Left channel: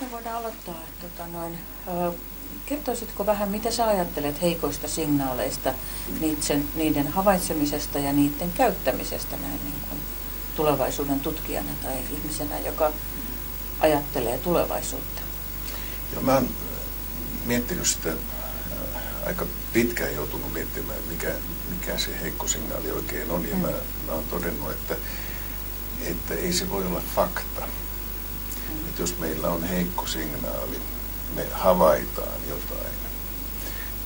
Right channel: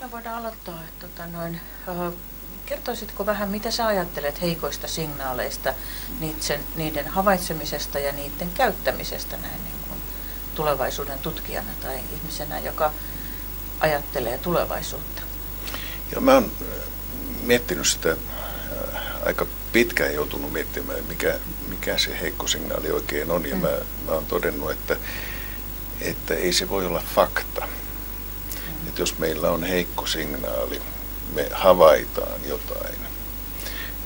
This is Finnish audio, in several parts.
Me voidaan aloittaa. Kertoisitko vähän, mitä sä ajattelet heikoista signaaleista, niiden havaitsemisesta ja niiden käyttämisestä näin niin kuin tulevaisuuden tutkijana tai ihmisenä, joka ajattelee tulevaisuutta? Ja mä oon miettinyt sitä aika pitkään, joutunut miettimään, mikä se heikko signaali oikein on. Ja mä oon todennut, että ei se voi olla fakta. Että jos meillä on heikko signaali, me havaitaan jotain,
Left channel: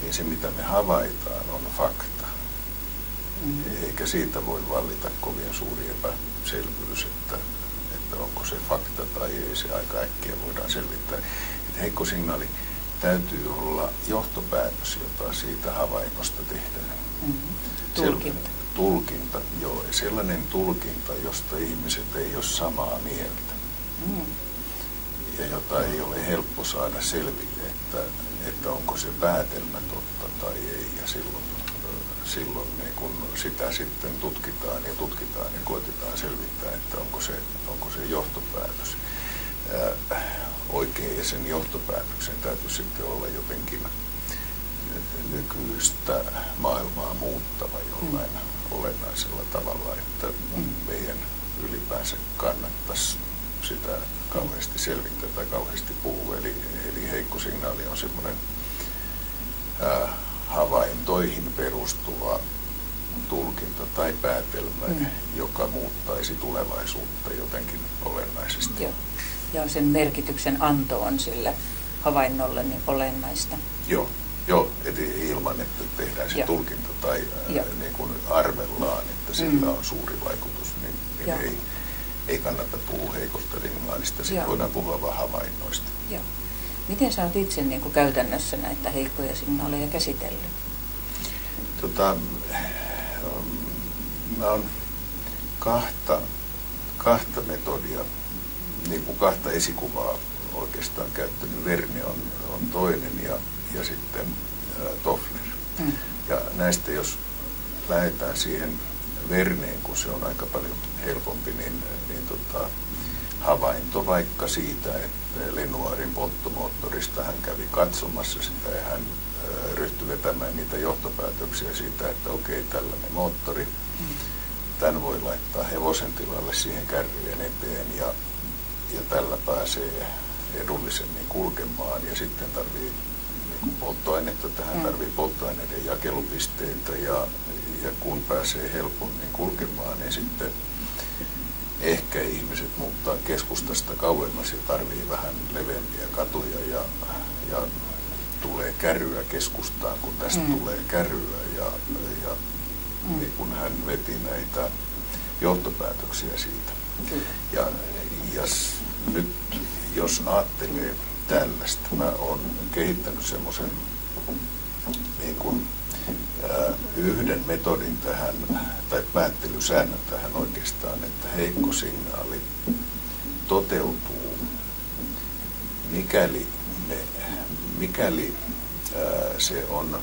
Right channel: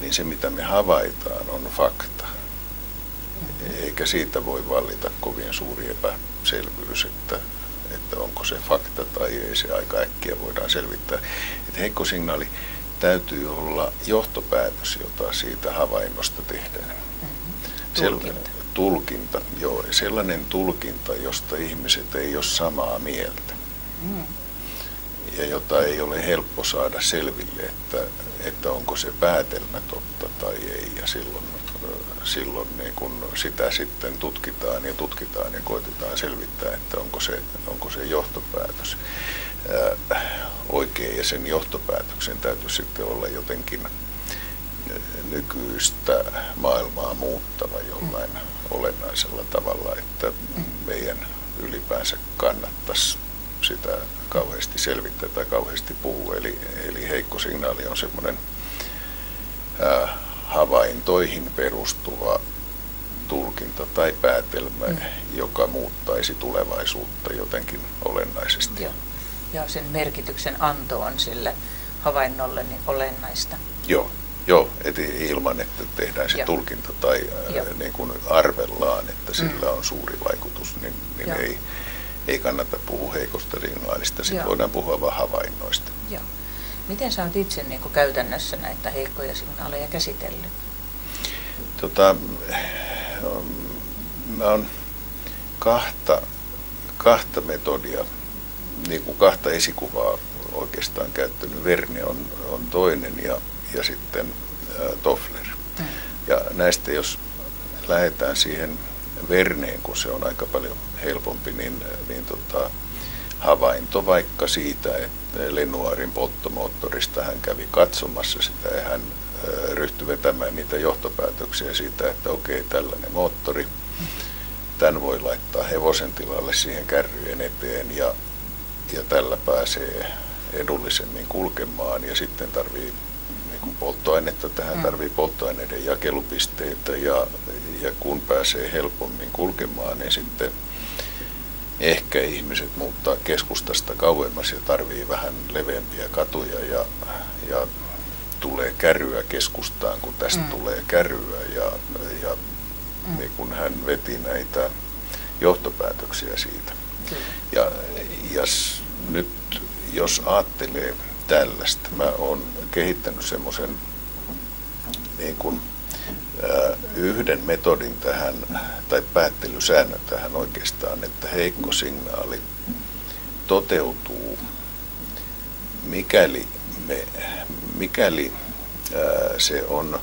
niin se mitä me havaitaan on fakta. Eikä siitä voi vallita kovin suuri epäselvyys, että onko se fakta tai ei, se aika äkkiä voidaan selvittää. Että heikko signaali täytyy olla johtopäätös, jota siitä havainnosta tehdään. Tulkinta. Tulkinta, joo. Sellainen tulkinta, josta ihmiset ei ole samaa mieltä. Ja jota ei ole helppo saada selville, että onko se päätelmä totta tai ei. Ja silloin niin kun sitä sitten tutkitaan ja koetetaan selvittää, että onko se johtopäätös oikein. Ja sen johtopäätöksen täytyy sitten olla jotenkin nykyistä maailmaa muuttava jollain olennaisella tavalla, että meidän ylipäänsä kannattaisi sitä kauheasti selvittää tai kauheasti puhua. Eli heikko signaali on semmoinen havaintoihin perustuva tulkinta tai päätelmä, joka muuttaisi tulevaisuutta jotenkin olennaisesti. Joo. Ja sen merkityksen anto on sille havainnolle niin olennaista. Joo, et ilman, että tehdään se tulkinta tai niin kuin arvellaan, että sillä on suuri vaikutus, niin ei kannata puhua heikosta signaalista, sitten voidaan puhua vain havainnoista. Joo. Miten sä oot itse niin kuin käytännössä näitä heikkoja signaaleja käsitellyt? Mä oon kahta metodia, niin kuin kahta esikuvaa oikeastaan käyttänyt. Verne on toinen ja sitten Toffler. Ja näistä jos lähdetään siihen Verneen, kun se on aika paljon helpompi, niin havainto vaikka siitä, että Lenoirin polttomoottorista hän kävi katsomassa sitä ja hän ryhtyi vetämään niitä johtopäätöksiä siitä, että okei, tällainen moottori, tämän voi laittaa hevosen tilalle siihen kärryjen eteen ja tällä pääsee edullisemmin kulkemaan ja sitten tarvii polttoainetta, tähän tarvii polttoaineiden jakelupisteitä ja kun pääsee helpommin kulkemaan, niin sitten ehkä ihmiset muuttaa keskustasta kauemmas ja tarvii vähän leveämpiä katuja ja tulee kärryä keskustaan, kun tästä tulee kärryä ja niin kun hän veti näitä johtopäätöksiä siitä. Ja nyt jos ajattelee tällaista, mä oon kehittänyt semmoisen niin kuin yhden metodin tähän, tai päättelysäännön tähän oikeastaan, että heikko signaali toteutuu, mikäli se on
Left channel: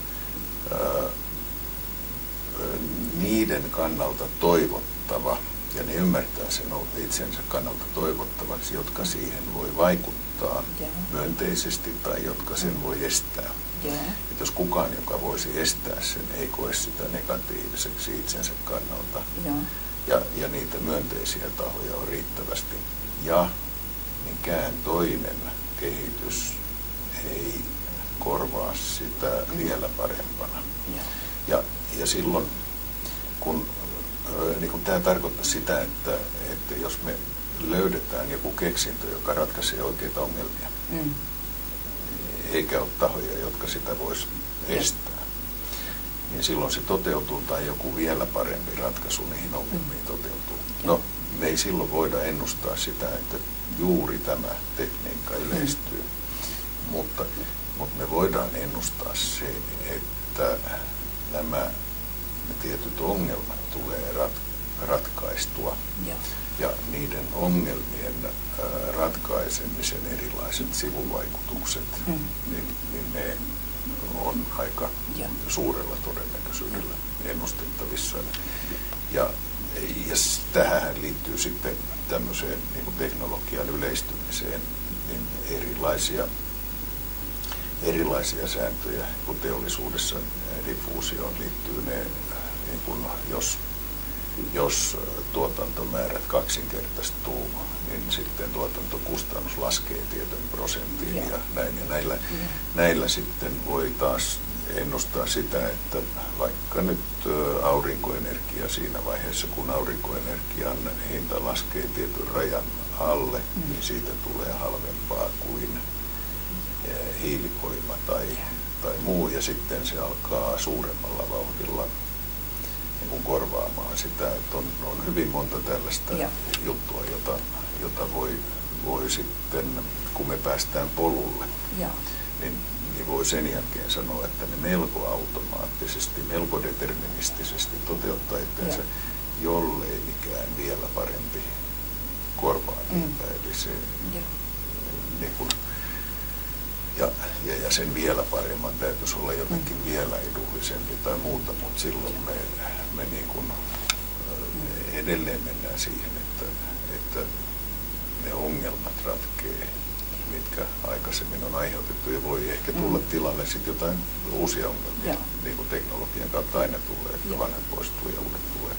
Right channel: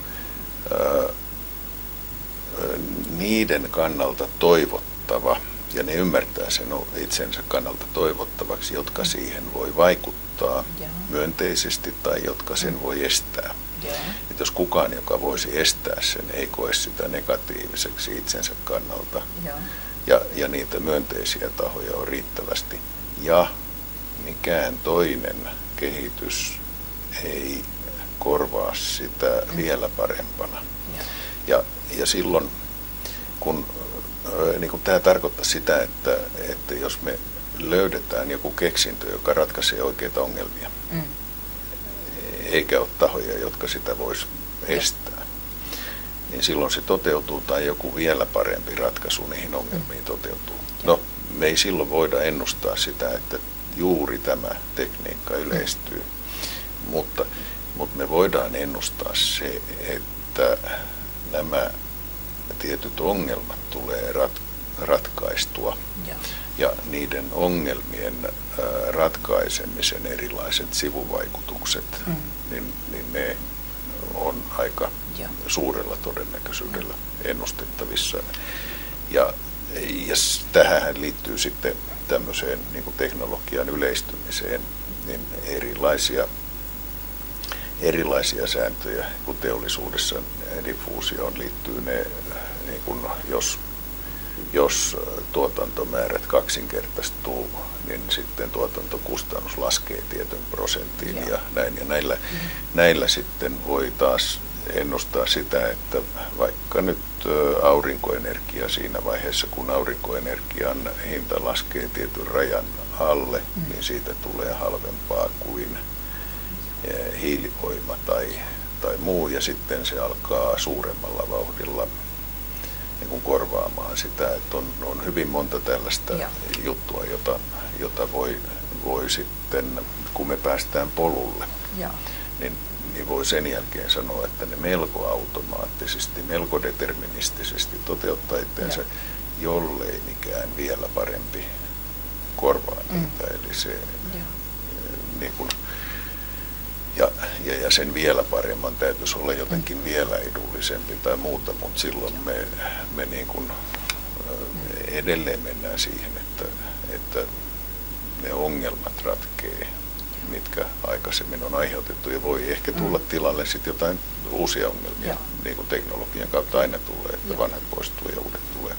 niiden kannalta toivottava, ja ne ymmärtää sen itsensä kannalta toivottavaksi, jotka siihen voi vaikuttaa myönteisesti tai jotka sen voi estää. Että jos kukaan, joka voisi estää sen, ei koe sitä negatiiviseksi itsensä kannalta ja niitä myönteisiä tahoja on riittävästi ja mikään toinen kehitys ei korvaa sitä vielä parempana. Ja silloin, kun niin tämä tarkoittaa sitä, että jos me löydetään joku keksintö, joka ratkaisee oikeita ongelmia, eikä ole tahoja, jotka sitä voisi estää, niin silloin se toteutuu tai joku vielä parempi ratkaisu niihin ongelmiin toteutuu. No, me ei silloin voida ennustaa sitä, että juuri tämä tekniikka yleistyy, mutta me voidaan ennustaa se, että nämä tietyt ongelmat tulee ratkaistua ja niiden ongelmien ratkaisemisen erilaiset sivuvaikutukset, niin ne on aika suurella todennäköisyydellä ennustettavissa. ja tähän liittyy sitten tämmöiseen niin kuin teknologian yleistymiseen niin erilaisia sääntöjä, kun teollisuudessa diffuusioon liittyy ne, niin kuin jos tuotantomäärät kaksinkertaistuu, niin sitten tuotantokustannus laskee tietyn prosentin ja näin. Ja näillä sitten voi taas ennustaa sitä, että vaikka nyt aurinkoenergia siinä vaiheessa, kun aurinkoenergian hinta laskee tietyn rajan alle, niin siitä tulee halvempaa kuin hiilivoima tai muu, ja sitten se alkaa suuremmalla vauhdilla niin kuin korvaamaan sitä, että on hyvin monta tällaista juttua, jota voi sitten, kun me päästään polulle, niin voi sen jälkeen sanoa, että ne melko automaattisesti, melko deterministisesti toteuttaa itseänsä, jollei mikään vielä parempi korvaa niitä. Eli se, niin kuin, ja sen vielä paremman täytyisi olla jotenkin vielä edullisempi tai muuta, mutta silloin me niin kuin edelleen mennään siihen, että ne ongelmat ratkee, mitkä aikaisemmin on aiheutettu, ja voi ehkä tulla tilalle sitten jotain uusia ongelmia, niin kuin teknologian kautta aina tulee, että vanhat poistuu ja uudet tulee.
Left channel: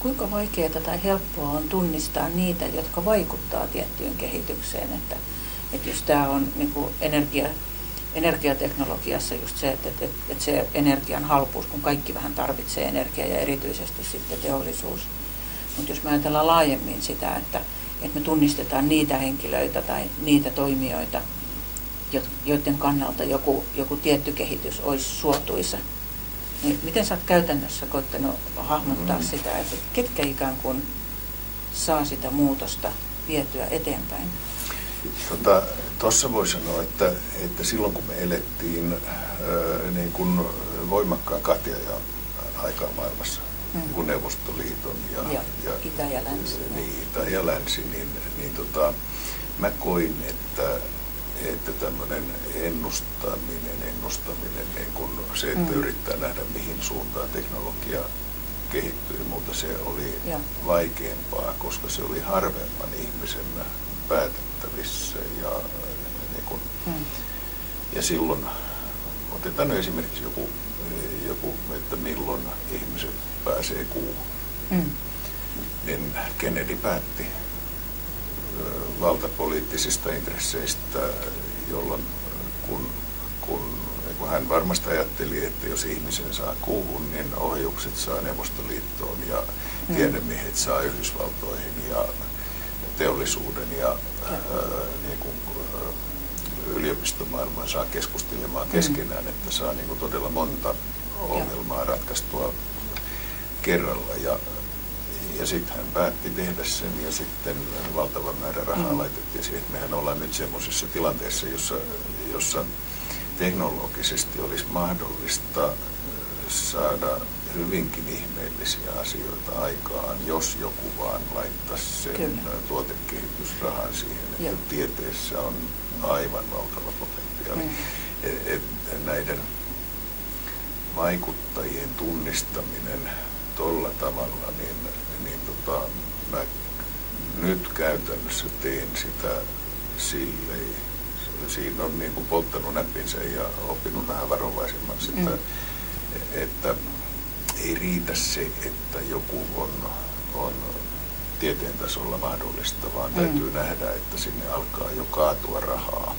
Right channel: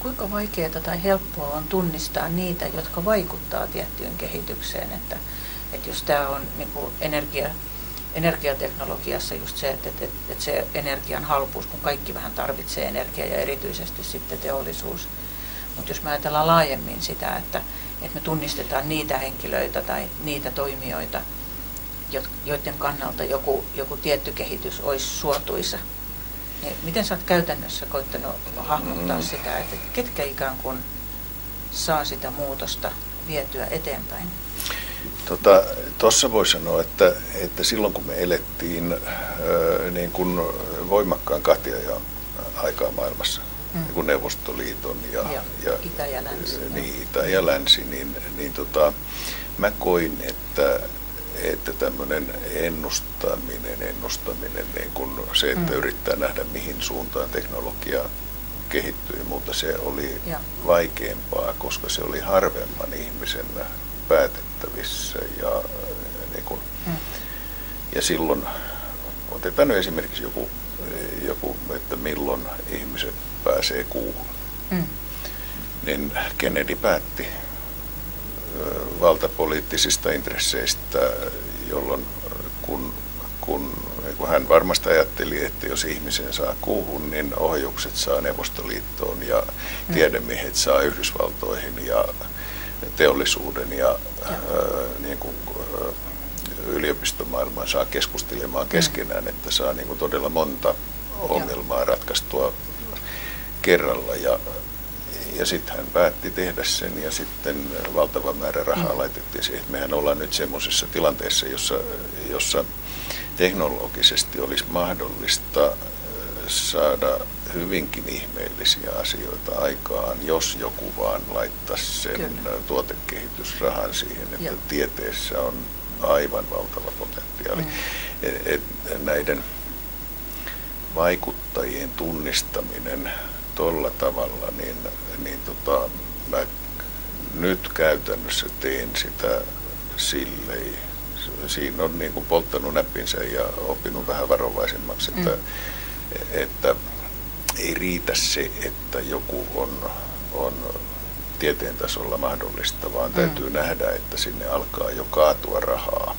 Kuinka vaikeaa tai helppoa on tunnistaa niitä, jotka vaikuttaa tiettyyn kehitykseen, että jos tämä on niin kuin energiateknologiassa just se, että se energian halpuus, kun kaikki vähän tarvitsee energiaa ja erityisesti sitten teollisuus. Mutta jos me ajatellaan laajemmin sitä, että me tunnistetaan niitä henkilöitä tai niitä toimijoita, joiden kannalta joku tietty kehitys olisi suotuisa, niin miten sä oot käytännössä koittanut hahmottaa sitä, että ketkä ikään kuin saa sitä muutosta vietyä eteenpäin? Tuossa voi sanoa, että silloin kun me elettiin niin kuin voimakkaan kahtiajaon aikaa maailmassa, niin kuin Neuvostoliiton ja Itä ja Länsi, Itä ja Länsi, niin mä koin, että tämmöinen ennustaminen niin kuin se, että yrittää nähdä mihin suuntaan teknologia kehittyy, mutta se oli vaikeampaa, koska se oli harvemman ihmisen päätettävissä ja silloin otetaan nyt esimerkiksi joku, että milloin ihmiset pääsee kuuhun. Niin Kennedy päätti valtapoliittisista intresseistä, jolloin kun hän varmasti ajatteli, että jos ihmisen saa kuuhun, niin ohjukset saa Neuvostoliittoon ja tiedemiehet saa Yhdysvaltoihin ja teollisuuden ja niin kuin, yliopistomaailman saa keskustelemaan keskenään, että saa niin kuin todella monta ongelmaa ratkaistua kerralla. Ja sitten hän päätti tehdä sen ja sitten valtava määrä rahaa laitettiin siihen. Mehän ollaan nyt semmoisessa tilanteessa, jossa teknologisesti olisi mahdollista saada hyvinkin ihmeellisiä asioita aikaan, jos joku vaan laittaisi sen tuotekehitysrahan siihen, että tieteessä on aivan valtava potentiaali. Näiden vaikuttajien tunnistaminen tuolla tavalla, niin mä nyt käytännössä teen sitä silleen. Siinä on niin kuin polttanut näppinsä ja oppinut vähän varovaisemmaksi, että ei riitä se, että joku on tieteen tasolla mahdollista, vaan täytyy nähdä, että sinne alkaa jo kaatua rahaa.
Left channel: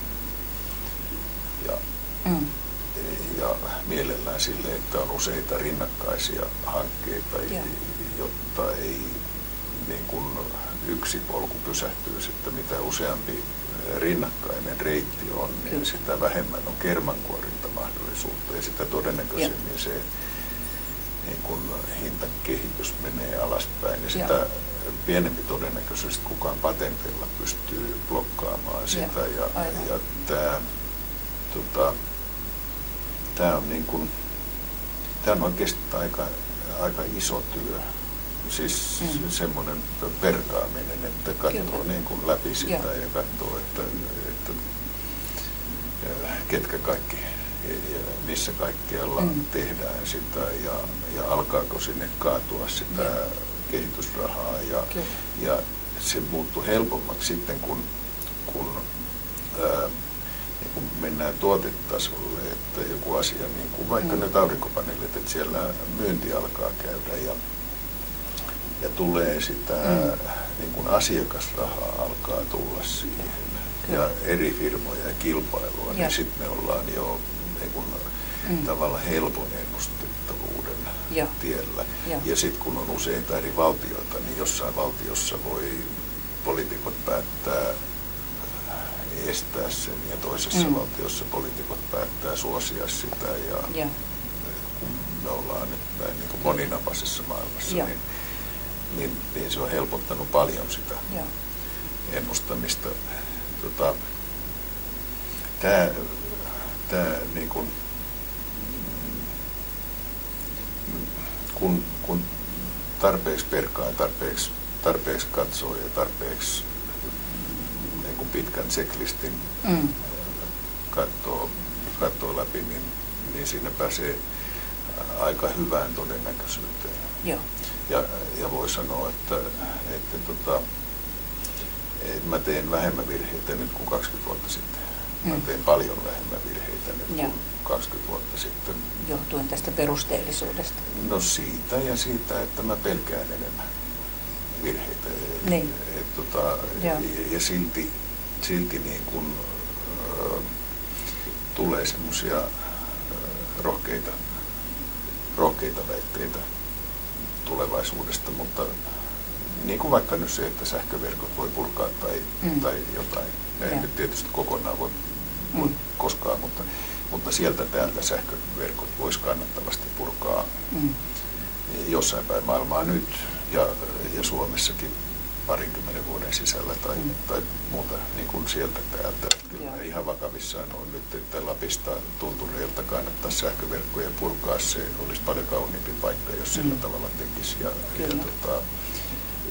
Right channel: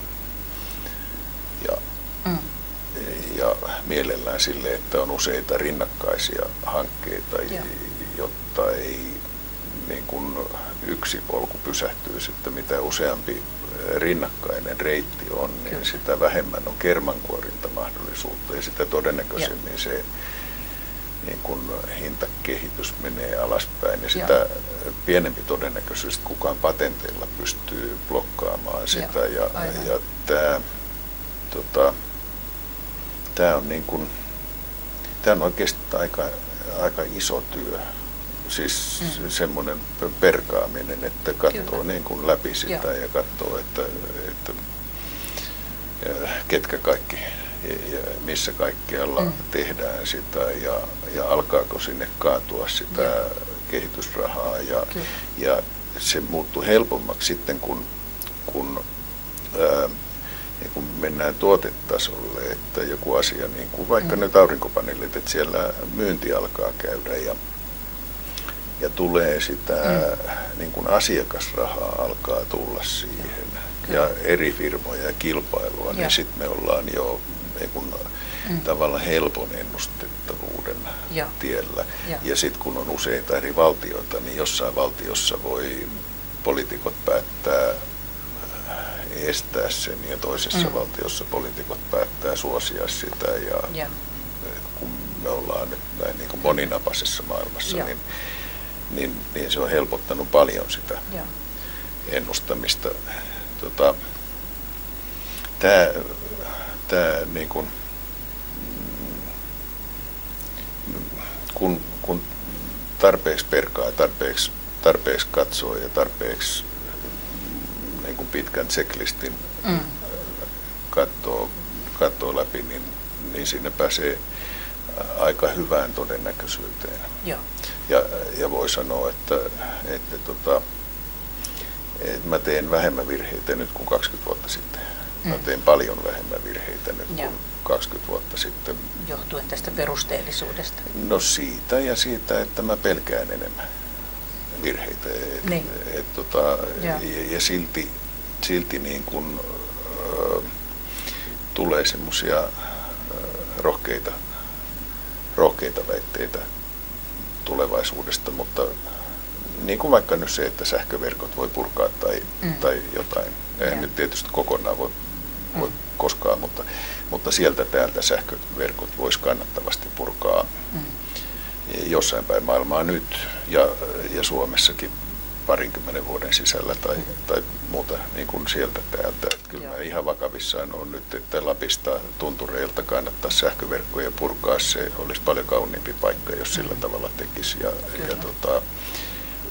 Ja mielellään sille, että on useita rinnakkaisia hankkeita, jotta ei niin kuin yksi polku pysähtyy sitten, mitä useampi rinnakkainen reitti on, niin sitä vähemmän on kermankuorintamahdollisuutta ja sitä todennäköisemmin se niin kun hintakehitys menee alaspäin ja sitä pienempi todennäköisyys, että kukaan patenteilla pystyy blokkaamaan sitä. Ja tämä on niin kun, tämä on oikeasti aika iso työ. Siis semmoinen perkaaminen, että katsoo niin kuin läpi sitä ja katsoo, että ketkä kaikki ja missä kaikkialla tehdään sitä ja alkaako sinne kaatua sitä kehitysrahaa ja se muuttui helpommaksi sitten, kun niin kun mennään tuotetasolle, että joku asia, niin kuin vaikka nyt aurinkopaneelit, että siellä myynti alkaa käydä ja tulee sitä niin kuin asiakasrahaa alkaa tulla siihen ja eri firmoja ja kilpailua, niin sitten me ollaan jo tavallaan helpon ennustettavuuden tiellä. Ja sitten kun on useita eri valtioita, niin jossain valtiossa voi poliitikot päättää estää sen ja toisessa valtiossa poliitikot päättää suosia sitä ja kun me ollaan nyt näin niin kuin moninapaisessa maailmassa, niin se on helpottanut paljon sitä ennustamista. Tämä niin kuin, kun tarpeeksi perkaa ja tarpeeksi katsoo ja tarpeeksi niin kuin pitkän checklistin katsoo läpi, niin siinä pääsee aika hyvään todennäköisyyteen. Ja voi sanoa, että mä teen vähemmän virheitä nyt kuin 20 vuotta sitten. Mä teen paljon vähemmän virheitä nyt kuin 20 vuotta sitten. Johtuen tästä perusteellisuudesta? No siitä ja siitä, että mä pelkään enemmän virheitä. Ja silti niin kun, tulee semmoisia rohkeita väitteitä tulevaisuudesta, mutta niin kuin vaikka nyt se, että sähköverkot voi purkaa tai jotain. Ei nyt tietysti kokonaan voi koskaan, mutta sieltä täältä sähköverkot voisi kannattavasti purkaa jossain päin maailmaa nyt ja Suomessakin 20 vuoden sisällä tai muuta niin kuin sieltä täältä. Kyllä ihan vakavissaan on nyt, että Lapista tuntureilta kannattaa sähköverkkoja purkaa. Se olisi paljon kauniimpi paikka, jos sillä tavalla tekisi ja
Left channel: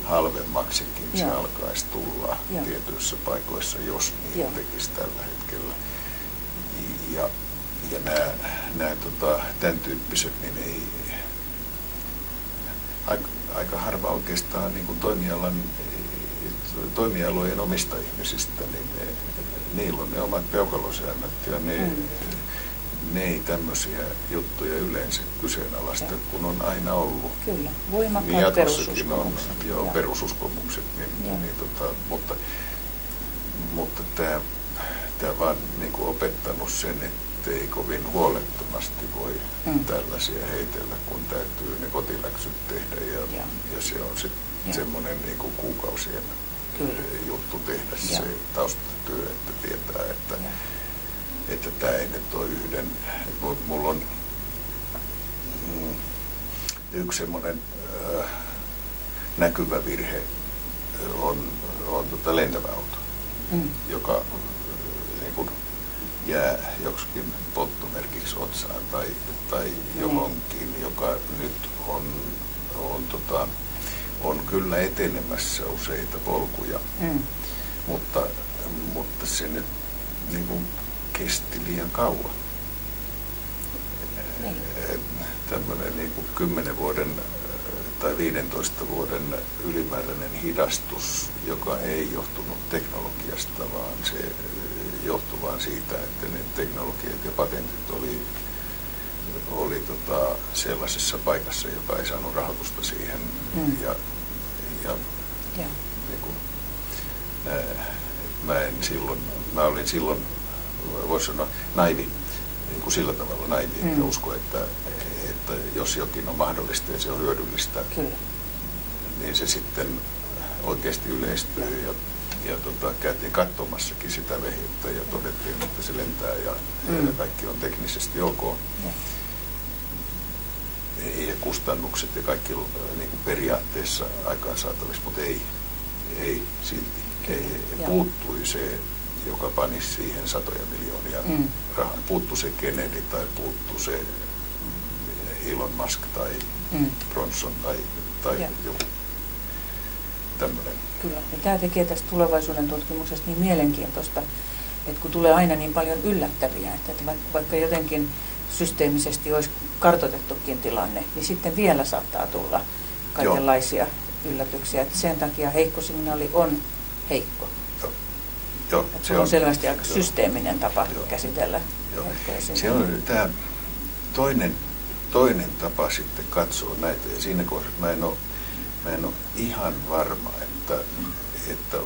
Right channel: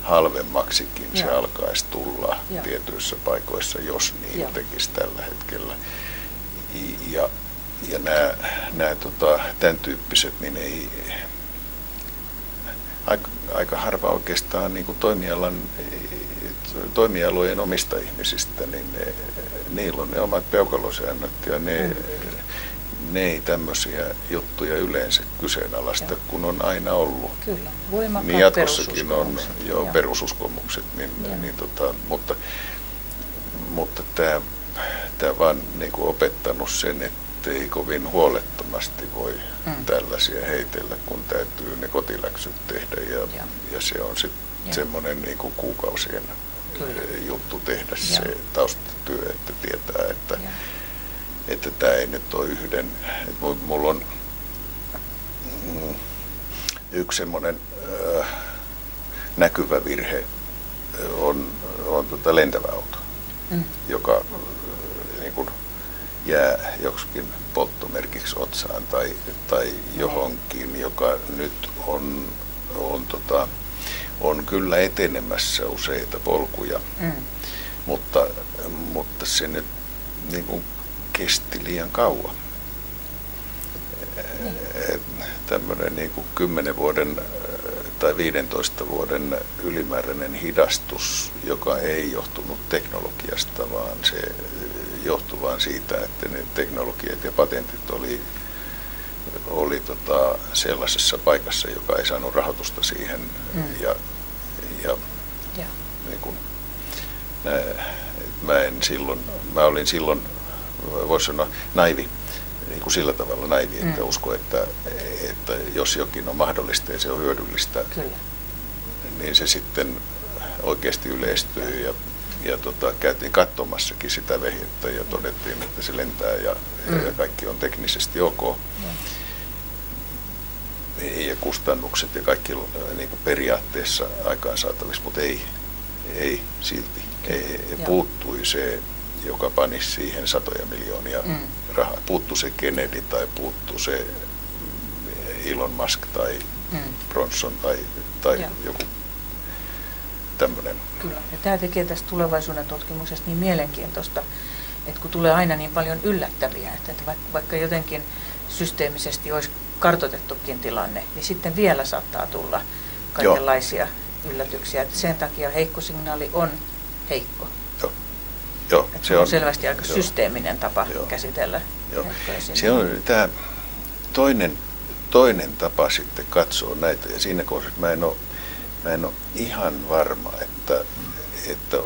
halvemmaksikin se alkaisi tulla tietyissä paikoissa, jos niin tekisi tällä hetkellä. Ja nämä tämän tyyppiset, niin ei aika harva oikeastaan niin kuin toimialojen omista ihmisistä, niin niillä on ne omat peukalosäännöt ja ne ei tämmöisiä juttuja yleensä kyseenalaista, kun on aina ollut. Kyllä, voimakkaat perususkomukset. Perususkomukset, mutta tämä vaan niin kuin opettanut sen, että ei kovin huolettomasti voi tällaisia heitellä, kun täytyy ne kotiläksyt tehdä ja se on sitten semmoinen niin kuin kuukausien juttu tehdä se taustatyö, että tietää, että tämä ei nyt ole yhden. Mulla on yksi semmoinen näkyvä virhe on lentävä auto, joka niin kuin jää joksikin polttomerkiksi otsaan tai johonkin, joka nyt on kyllä etenemässä useita polkuja, mutta se nyt niin kuin kesti liian kauan. Tämmöinen niin kuin 10 vuoden tai 15 vuoden ylimääräinen hidastus, joka ei johtunut teknologiasta, vaan se johtui vain siitä, että ne teknologiat ja patentit oli sellaisessa paikassa, joka ei saanut rahoitusta siihen. Niin kuin, mä olin silloin, voisi sanoa, naivi, niin kuin sillä tavalla naivi, että usko, että jos jokin on mahdollista ja se on hyödyllistä, niin se sitten oikeasti yleistyy ja käytiin katsomassakin sitä vehettä ja todettiin, että se lentää ja kaikki on teknisesti ok. Ja kustannukset ja kaikki niin kuin periaatteessa aikaansaatavissa, mutta ei silti. Puuttui se, joka panisi siihen satoja miljoonia rahaa. Puuttu se Kennedy tai puuttu se Elon Musk tai Bronson tai joku tämmöinen. Kyllä, ja tämä tekee tästä tulevaisuuden tutkimuksesta niin mielenkiintoista, että kun tulee aina niin paljon yllättäviä, että vaikka jotenkin systeemisesti olisi kartoitettukin tilanne, niin sitten vielä saattaa tulla kaikenlaisia yllätyksiä. Että sen takia heikko signaali on heikko. Joo, se on selvästi aika systeeminen tapa käsitellä heikkoja signaaleja. Se on tämä toinen tapa sitten katsoa näitä. Ja siinä kohdassa mä en ole ihan varma, että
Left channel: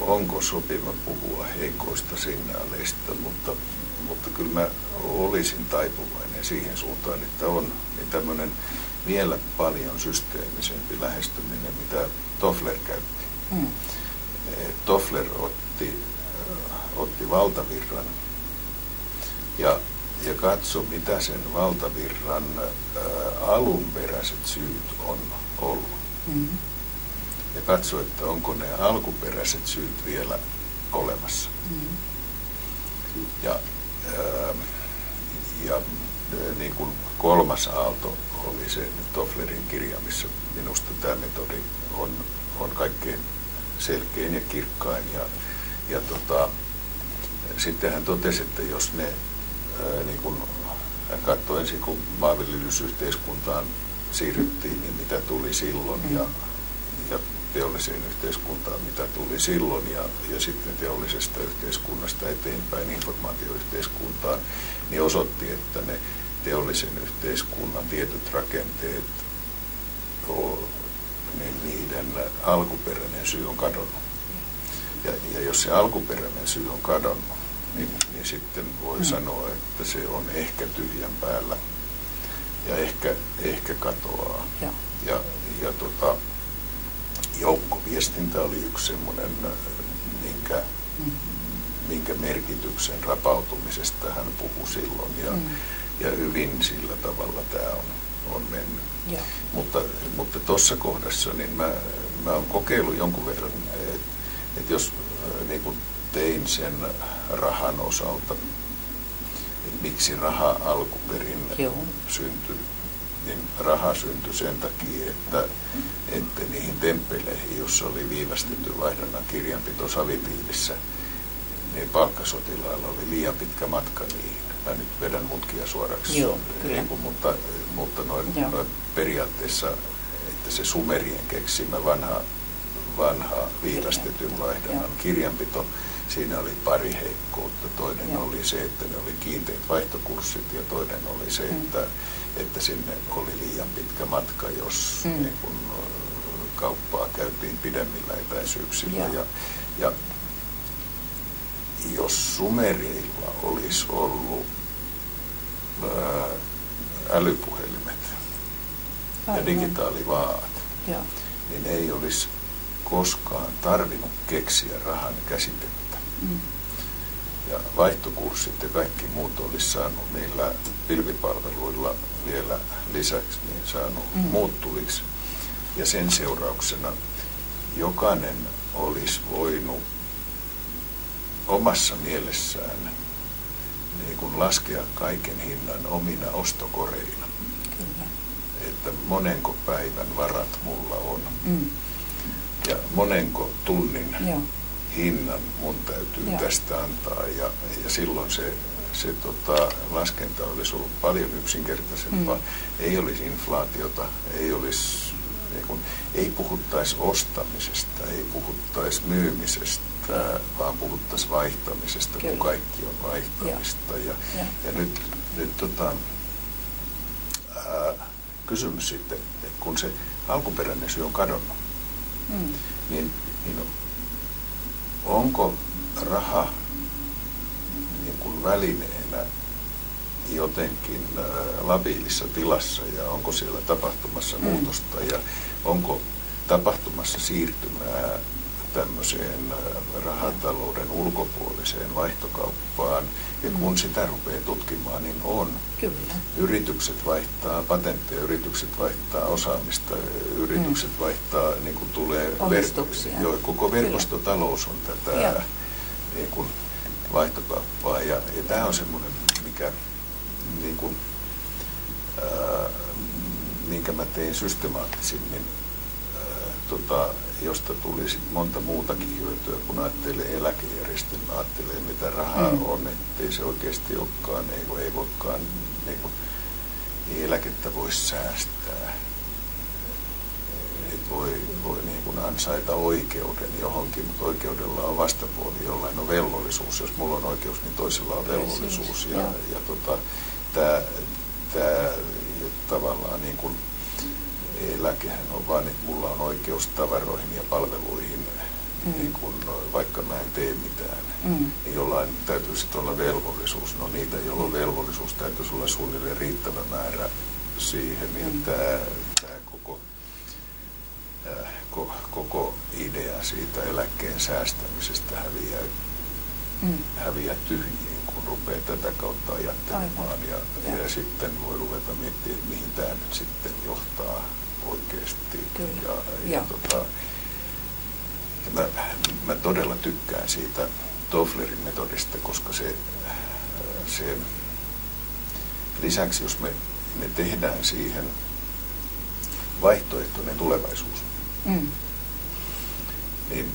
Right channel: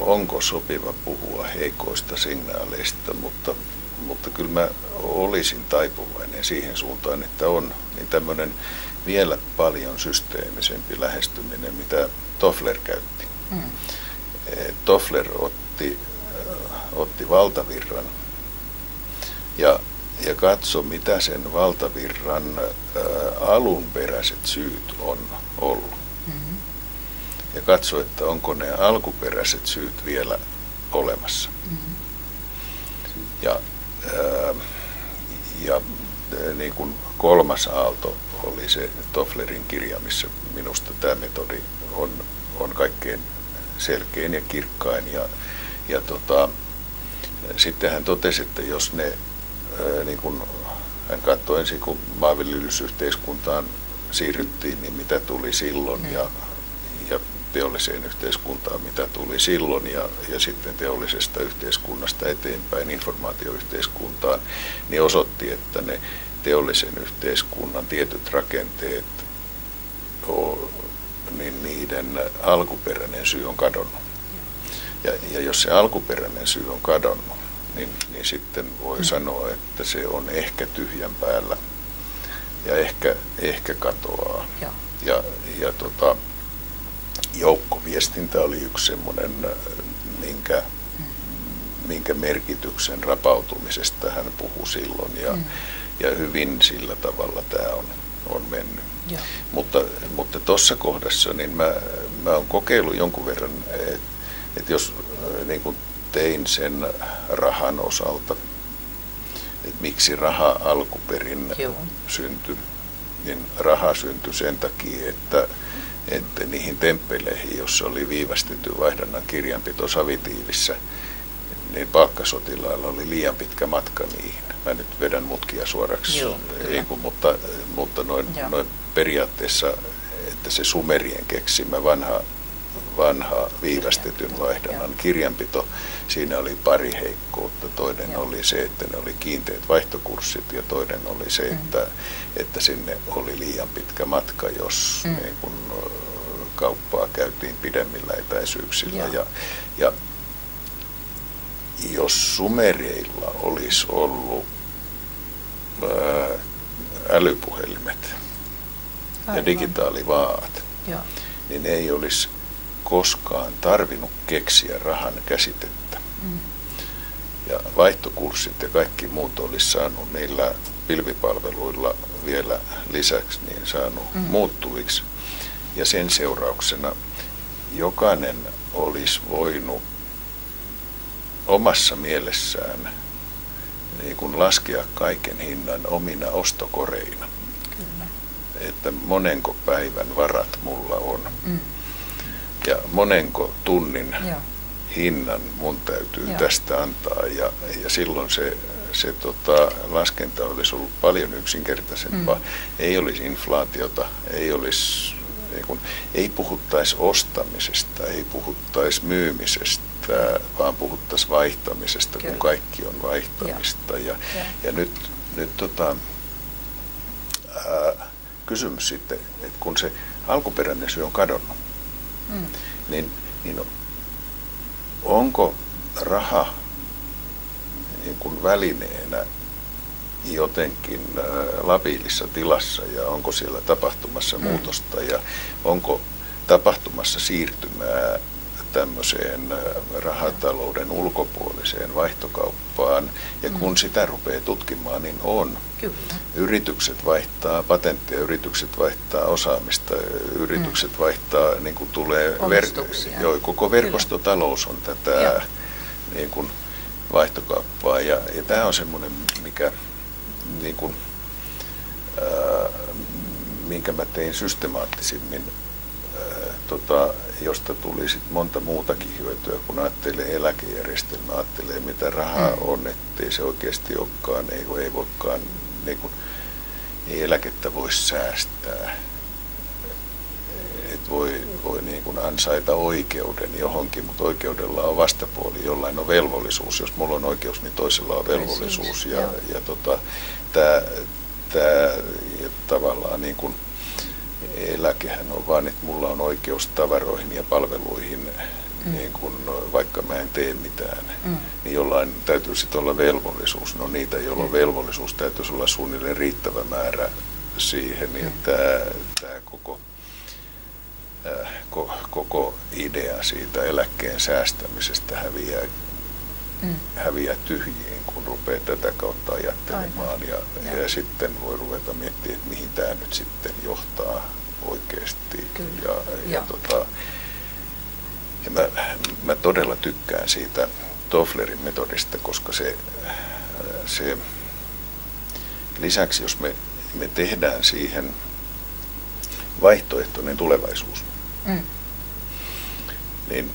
onko sopiva puhua heikoista signaaleista, mutta kyllä mä olisin taipuvainen siihen suuntaan, että on niin tämmöinen vielä paljon systeemisempi lähestyminen, mitä Toffler käytti. Toffler otti valtavirran ja katsoi, mitä sen valtavirran alunperäiset syyt on ollut. Ja katsoi, että onko ne alkuperäiset syyt vielä olemassa. Ja niin kuin kolmas aalto oli se Tofflerin kirja, missä minusta tämä metodi on kaikkein selkein ja kirkkain. Ja sitten hän totesi, että jos ne, niin kun hän katsoi ensin, kun maanviljelysyhteiskuntaan siirryttiin, niin mitä tuli silloin, ja teolliseen yhteiskuntaan, mitä tuli silloin, ja sitten teollisesta yhteiskunnasta eteenpäin informaatioyhteiskuntaan, niin osoitti, että ne teollisen yhteiskunnan tietyt rakenteet, niin niiden alkuperäinen syy on kadonnut. Ja jos se alkuperäinen syy on kadonnut, niin sitten voi sanoa, että se on ehkä tyhjän päällä ja ehkä katoaa. Ja joukkoviestintä oli yksi semmoinen, minkä merkityksen rapautumisesta hän puhui silloin. Ja hyvin sillä tavalla tämä on mennyt. Mutta tuossa kohdassa niin mä oon kokeillut jonkun verran, että jos niin kuin tein sen rahan osalta, että miksi raha alkuperin syntyi, niin raha syntyi sen takia, että niihin temppeleihin, jossa oli viivästetty vaihdannan kirjanpito savitiilissä, niin palkkasotilailla oli liian pitkä matka niihin. Mä nyt vedän mutkia suoraksi, mutta noin periaatteessa, että se sumerien keksimä vanha viivästetyn vaihdannan kirjanpito, siinä oli pari heikkoutta. Toinen oli se, että ne oli kiinteät vaihtokurssit, ja toinen oli se, että sinne oli liian pitkä matka, jos niin kun kauppaa käytiin pidemmillä etäisyyksillä. Ja jos sumereilla olisi ollut älypuhelimet ja digitaalivaat, niin ei olisi koskaan tarvinnut keksiä rahan käsitettä. Ja vaihtokurssit ja kaikki muut olisi saanut niillä pilvipalveluilla vielä lisäksi niin saanut muuttuviksi. Ja sen seurauksena jokainen olisi voinut omassa mielessään niin kuin laskea kaiken hinnan omina ostokoreina. Kyllä. Että monenko päivän varat mulla on. Ja monenko tunnin hinnan mun täytyy tästä antaa. Ja silloin se laskenta olisi ollut paljon yksinkertaisempaa. Ei olisi inflaatiota, ei puhuttaisi ostamisesta, ei puhuttaisi myymisestä, vaan puhuttaisiin vaihtamisesta, kun kaikki on vaihtamista. Ja nyt kysymys sitten, että kun se alkuperäinen syy on kadonnut, niin onko raha niin kuin välineenä jotenkin labiilissa tilassa, ja onko siellä tapahtumassa muutosta, ja onko tapahtumassa siirtymää tämmöiseen rahatalouden ulkopuoliseen vaihtokauppaan, ja kun sitä rupeaa tutkimaan, niin on. Kyllä. Yritykset vaihtaa patentteja, yritykset vaihtaa osaamista, yritykset vaihtaa, niin kuin tulee koko verkostotalous on tätä niin kuin vaihtokauppaa, ja tämä on semmoinen, mikä niin kuin, minkä mä tein systemaattisimmin, josta tuli sit monta muutakin hyötyä, kun ajattelee eläkejärjestelmää, ajattelee mitä rahaa on, ettei se oikeasti olekaan, ei voikaan, ei eläkettä voi säästää. voi niin kuin ansaita oikeuden johonkin, mutta oikeudella on vastapuoli, jollain on velvollisuus. Jos mulla on oikeus, niin toisella on velvollisuus. Ja tämä tavallaan niin kuin eläkehän on vaan, että mulla on oikeus tavaroihin ja palveluihin, niin kuin, vaikka mä en tee mitään. Niin jollain täytyy sitten olla velvollisuus. No niitä, joilla on velvollisuus, täytyisi olla suunnilleen riittävä määrä siihen. Ja tämä koko idea siitä eläkkeen säästämisestä häviää tyhjiin, kun rupeaa tätä kautta ajattelemaan. Ja sitten voi ruveta miettimään, että mihin tämä nyt sitten johtaa oikeasti. Mä todella tykkään siitä Tofflerin metodista, koska se lisäksi, jos me tehdään siihen vaihtoehtoinen tulevaisuus, niin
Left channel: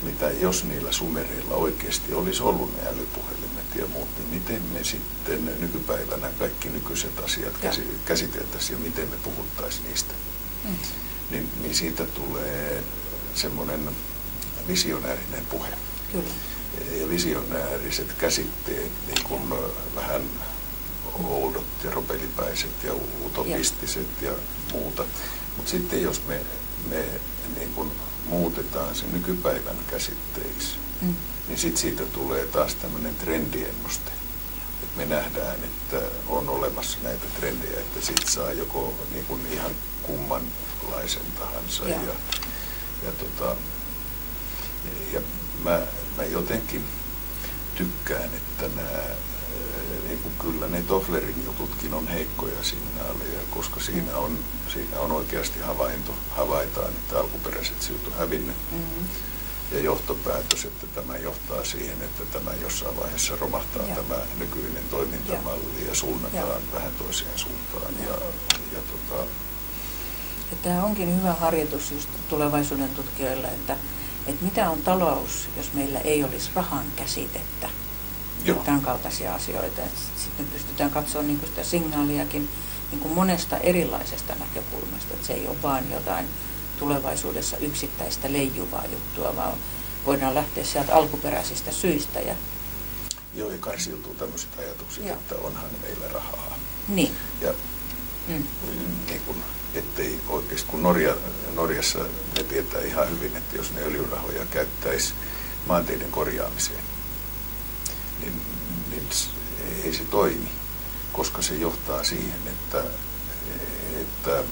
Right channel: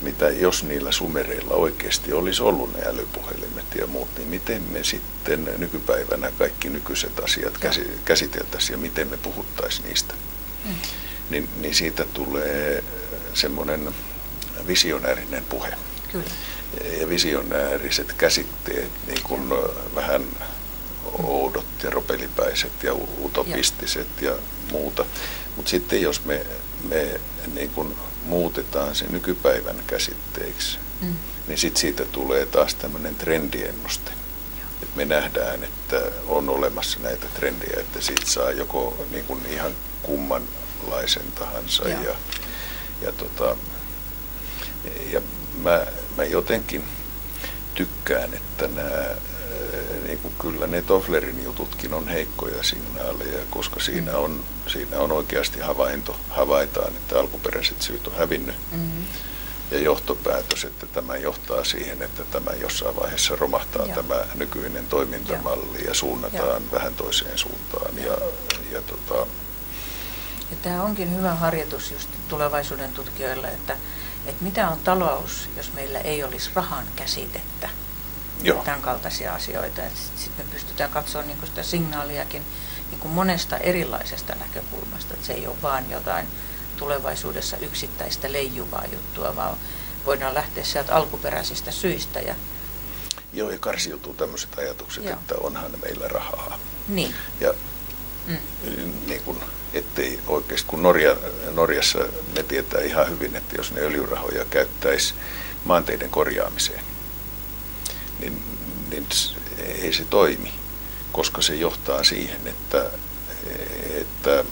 mitä jos niillä sumereilla oikeasti olisi ollut ne älypuhelimet ja muut, niin miten me sitten nykypäivänä kaikki nykyiset asiat käsiteltäisiin ja miten me puhuttaisiin niistä. Niin siitä tulee semmoinen visionäärinen puhe. Kyllä. Ja visionääriset käsitteet, niin kuin vähän oudot ja ropelipäiset ja utopistiset ja muuta. Mutta sitten jos me niin kuin muutetaan se nykypäivän käsitteeksi, niin sitten siitä tulee taas tämmöinen trendiennuste. Et me nähdään, että on olemassa näitä trendejä, että siitä saa joko niin kuin ihan kummanlaisen tahansa. Ja mä jotenkin tykkään, että niin kuin kyllä ne Tofflerin jututkin on heikkoja signaaleja, koska siinä on oikeasti havaitaan, että alkuperäiset syyt on hävinnyt. Ja johtopäätös, että tämä johtaa siihen, että tämä jossain vaiheessa romahtaa tämä nykyinen toimintamalli ja suunnataan vähän toiseen suuntaan. Ja tämä onkin hyvä harjoitus just tulevaisuuden tutkijoille, että mitä on talous, jos meillä ei olisi rahan käsitettä. Tämän kaltaisia asioita. Sitten me pystytään katsomaan niin kuin sitä signaaliakin niin kuin monesta erilaisesta näkökulmasta. Että se ei ole vaan jotain tulevaisuudessa yksittäistä leijuvaa juttua, vaan voidaan lähteä sieltä alkuperäisistä syistä. Joo, ja karsiutuu tämmöiset ajatukset, että onhan meillä rahaa. Niin. Ja niin kuin, ettei oikeasti, kun Norjassa ne tietää ihan hyvin, että jos ne öljyrahoja käyttäisi maanteiden korjaamiseen, niin ei se toimi, koska se johtaa siihen, että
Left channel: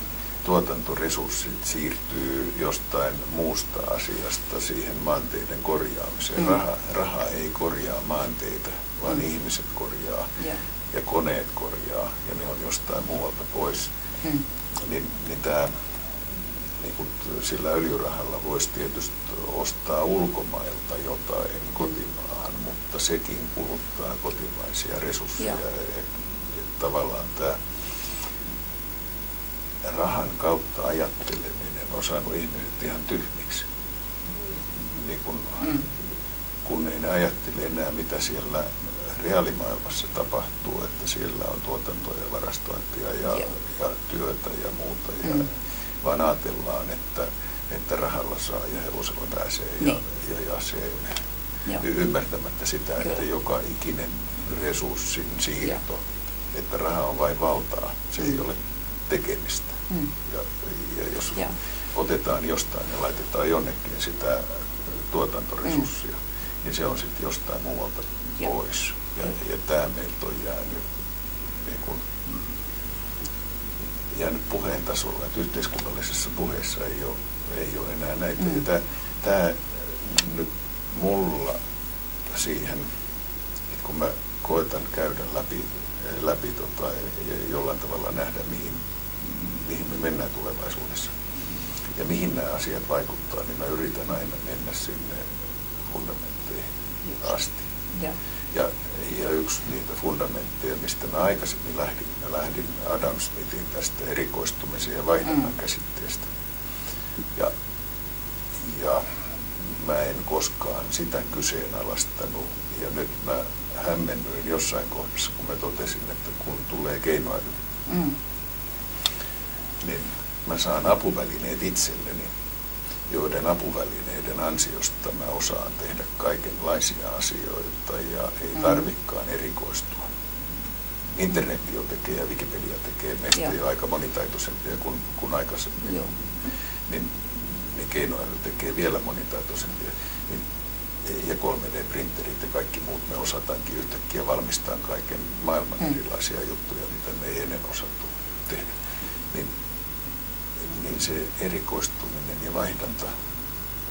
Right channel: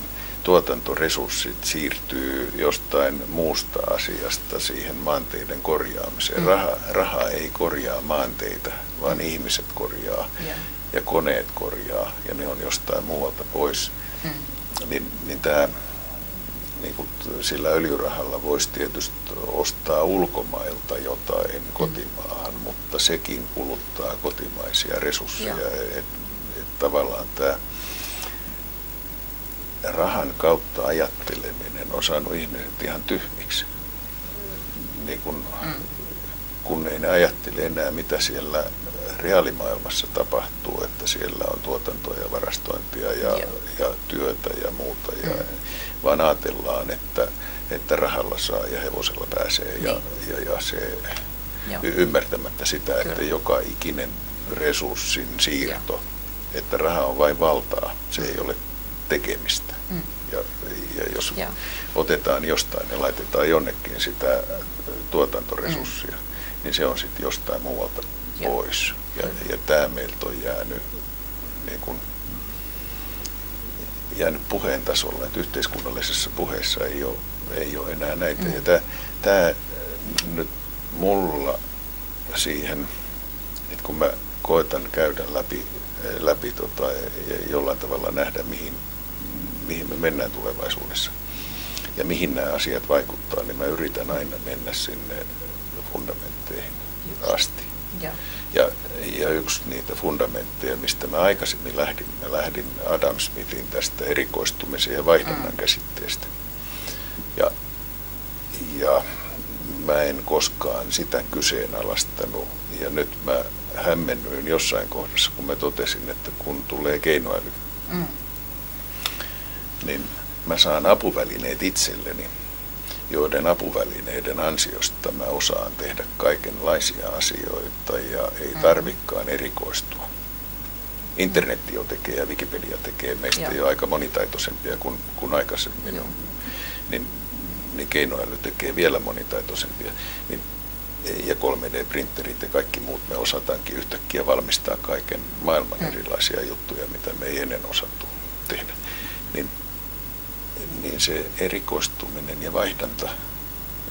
tuotantoresurssit siirtyy jostain muusta asiasta siihen maanteiden korjaamiseen. Raha ei korjaa maanteita, vaan ihmiset korjaa ja koneet korjaa ja ne on jostain muualta pois. Niin tämä, niin kuin sillä öljyrahalla voisi tietysti ostaa ulkomailta jotain kotimaahan, mutta sekin kuluttaa kotimaisia resursseja. Tavallaan tämä rahan kautta ajatteleminen on saanut ihmiset ihan tyhmiksi. Niin kun ei ne ajattele enää, mitä siellä reaalimaailmassa tapahtuu, että siellä on tuotantoa ja varastointia ja työtä ja muuta, vaan ajatellaan, että rahalla saa ja hevosella pääsee ja se ymmärtämättä sitä, että joka ikinen resurssin siirto, että raha on vain valtaa, se ei ole tekemistä. Ja jos otetaan jostain ja laitetaan jonnekin sitä tuotantoresurssia, niin se on sitten jostain muualta pois. Ja tämä meiltä on jäänyt puheen tasolla, että yhteiskunnallisessa puheessa ei ole enää näitä. Ja tämä nyt mulla siihen, että kun mä koetan käydä läpi ja jollain tavalla nähdä, mihin me mennään tulevaisuudessa ja mihin nämä asiat vaikuttaa, niin mä yritän aina mennä sinne fundamentteihin asti. Ja yksi niitä fundamentteja, mistä mä aikaisemmin lähdin Adam Smithin tästä erikoistumisen ja vaihdunnan käsitteestä. Ja mä en koskaan sitä kyseenalaistanut. Ja nyt mä hämmennyin jossain kohdassa, kun mä totesin, että kun tulee keinoäly, niin mä saan apuvälineet itselleni, joiden apuvälineiden ansiosta mä osaan tehdä kaikenlaisia asioita ja ei tarvikaan erikoistua. Internet jo tekee ja Wikipedia tekee meistä jo aika monitaitoisempia kuin aikaisemmin. Niin keinoäly tekee vielä monitaitoisempia. Ja 3D-printerit ja kaikki muut me osataankin yhtäkkiä valmistaa kaiken maailman erilaisia juttuja, mitä me ei ennen osattu tehdä. Niin se erikoistuminen ja vaihdanta,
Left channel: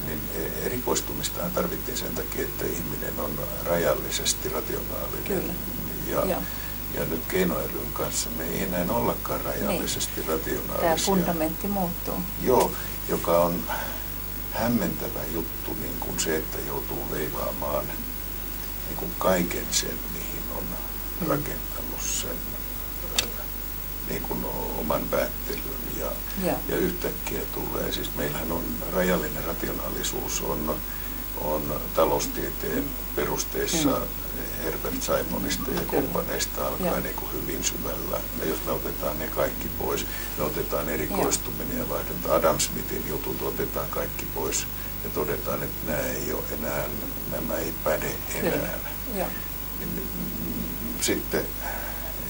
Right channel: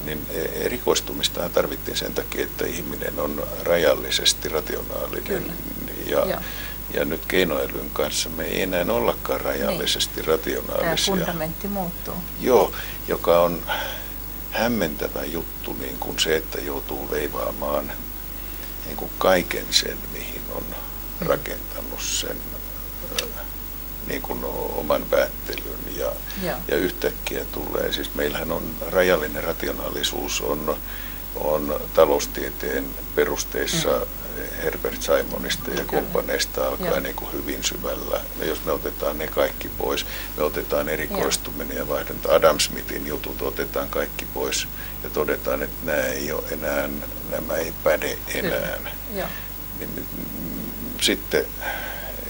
niin erikoistumistahan tarvittiin sen takia, että ihminen on rajallisesti rationaalinen. Ja nyt keinoälyn kanssa me ei enää ollakaan rajallisesti rationaalisia. Tämä fundamentti muuttuu. Joo, joka on hämmentävä juttu, niin kuin se, että joutuu veivaamaan niin kuin kaiken sen, mihin on rakentanut sen niin kuin oman päättelyn. Ja yhtäkkiä tulee, siis meillähän on rajallinen rationaalisuus on taloustieteen perusteissa Herbert Simonista ja kumppaneista alkaa niin kuin hyvin syvällä. Ja jos me otetaan ne kaikki pois, me otetaan erikoistuminen ja vaihdanta. Adam Smithin jutut otetaan kaikki pois ja todetaan, että nämä ei päde enää. Niin, sitten